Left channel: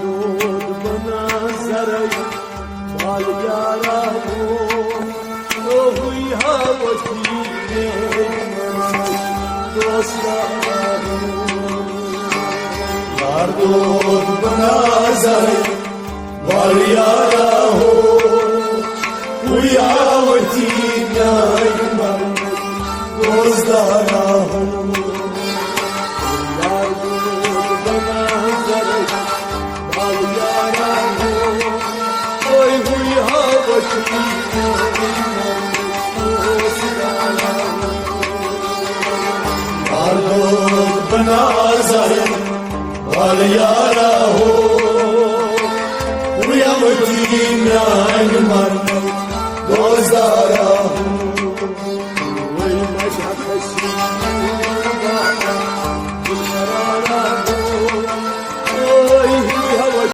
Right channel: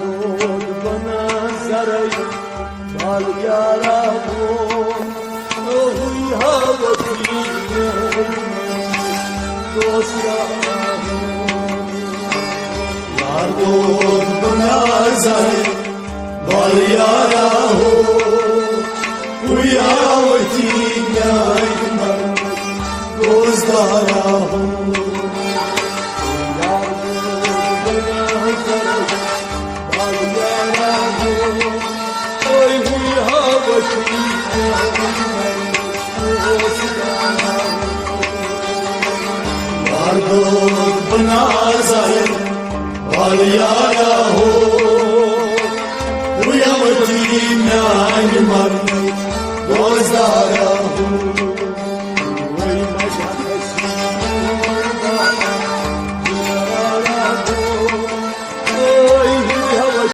دود بنظري باليارا وهي هوتي دوستا यार दूध बना जाए बालियारा हो उयावती न्याय मन दोस्तारा हो यार दूध बना जाए बालियारा हो उयावती न्याय मन दोस्तारा हो यार दूध बना जाए बालियारा हो उयावती न्याय मन